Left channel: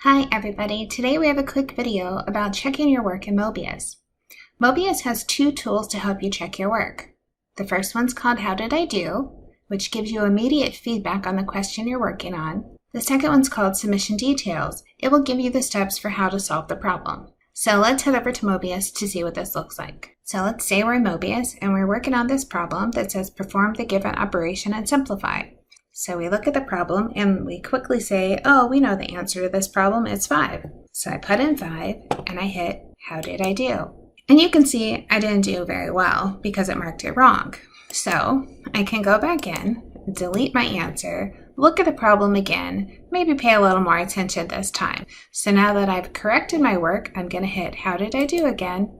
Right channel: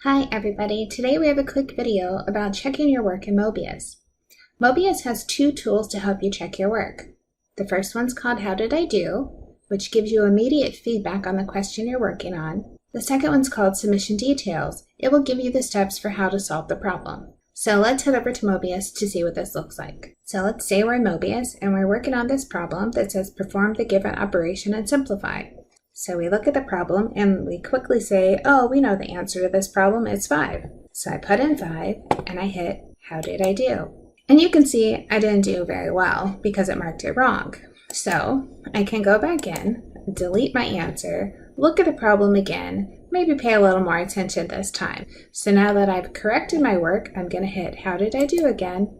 Hi everybody, today we have a quick video about checking your work in Mobius. Mobius has two tools to help you check your work. The first one's called How Did I Do, which gives you immediate feedback on the question you're working on. The second one's called Submission Details. It will give you the steps for how to solve the problem. So let's head over to Mobius to see what this looks like. So let's say we're in Mobius and we're working on this problem that says perform the given operation and simplify. So we look at the problem and we quickly say, oh, we know the answer to this problem, it's 5. So I put in 5 and I hit, how did I do? And you can see I didn't do very well because it marked it wrong. So I can go back in, delete my answer, look at the problem again, maybe pay a little more attention this time. So now that I've corrected my work, I'm going to hit, how did I do again?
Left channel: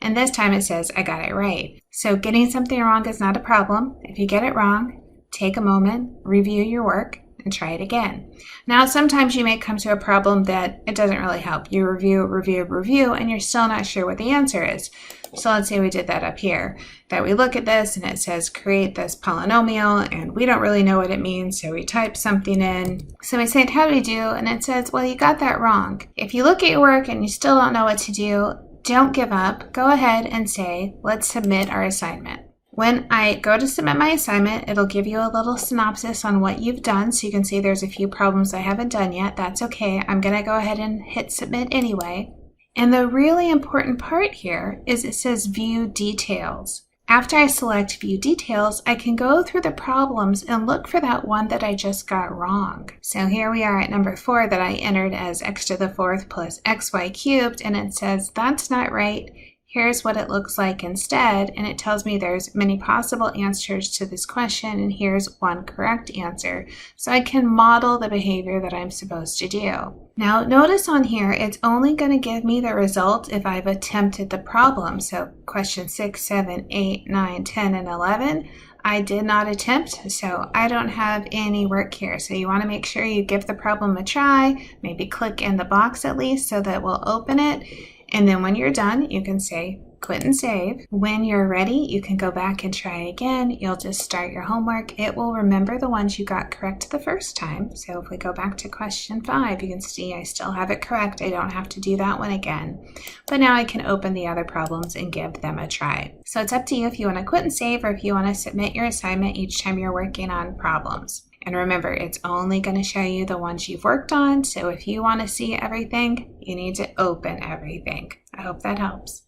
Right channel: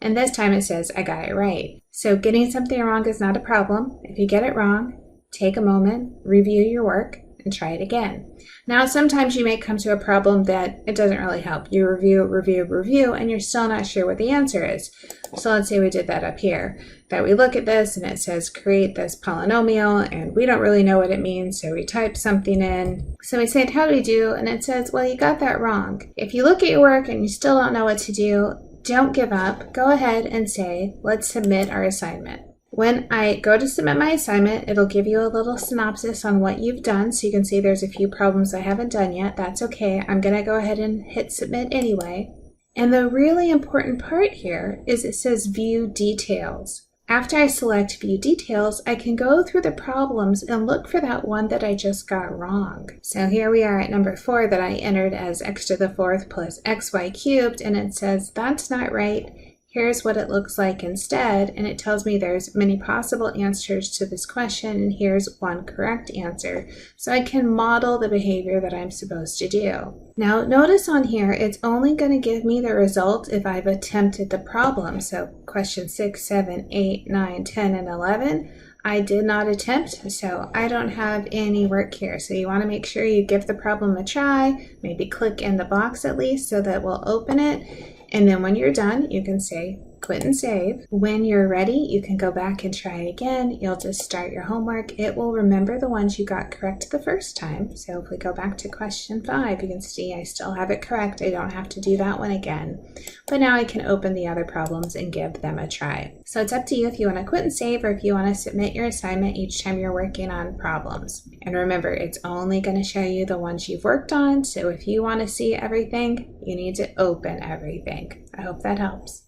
And this time it says I got it right. So getting something wrong is not a problem. If you get it wrong, take a moment, review your work, and try it again. Now, sometimes you may come to a problem that it doesn't really help. You review, and you're still not sure what the answer is. So let's say we did that up here, that we look at this and it says create this polynomial, and we don't really know what it means, so we type something in. So we say, how do we do? And it says, well, you got that wrong. If you look at your work and you still don't know what to do, don't give up. Go ahead and say, let's submit our assignment. When I go to submit my assignment, it'll give you a little synopsis on what you've done. So you can see there's a few problems I haven't done yet. That's okay. I'm going to go ahead and hit submit anyway. And the really important part here is it says view details. After I select view details, I can go through the problems and look for that one that I just got wrong. So here we are at number 4 that I entered as x to the 4th plus xy cubed, and it says that's not right. Here's what it looks like instead, and it tells me there's many possible answers to this question, and here's one correct answer. So I can model the behavior that I'm supposed to do. Now notice on here, it's only going to give me the result if I've attempted the problem. So question 6, 7, 8, 9, 10, and 11, I did not attempt, so I don't have any work here. So you want to make sure you give the problem a try, maybe click in the box at least so that we'll open it. And then when you're done, you can say quit and save. When you're ready, you can go back and try again. You'll just start your homework. It will remember the ones you got correct the first time. So if we go back to question 5, you can see I still have it correct. I don't have to do that one again. But now I can open the other problems and give them a try. So it's up to you if you want to quit and save or if you want to submit your assignment each time you're working on problems. And remember, it's only going to show you the ones you've worked on. So if you want to see everything, you need to open everything. I hope that helps.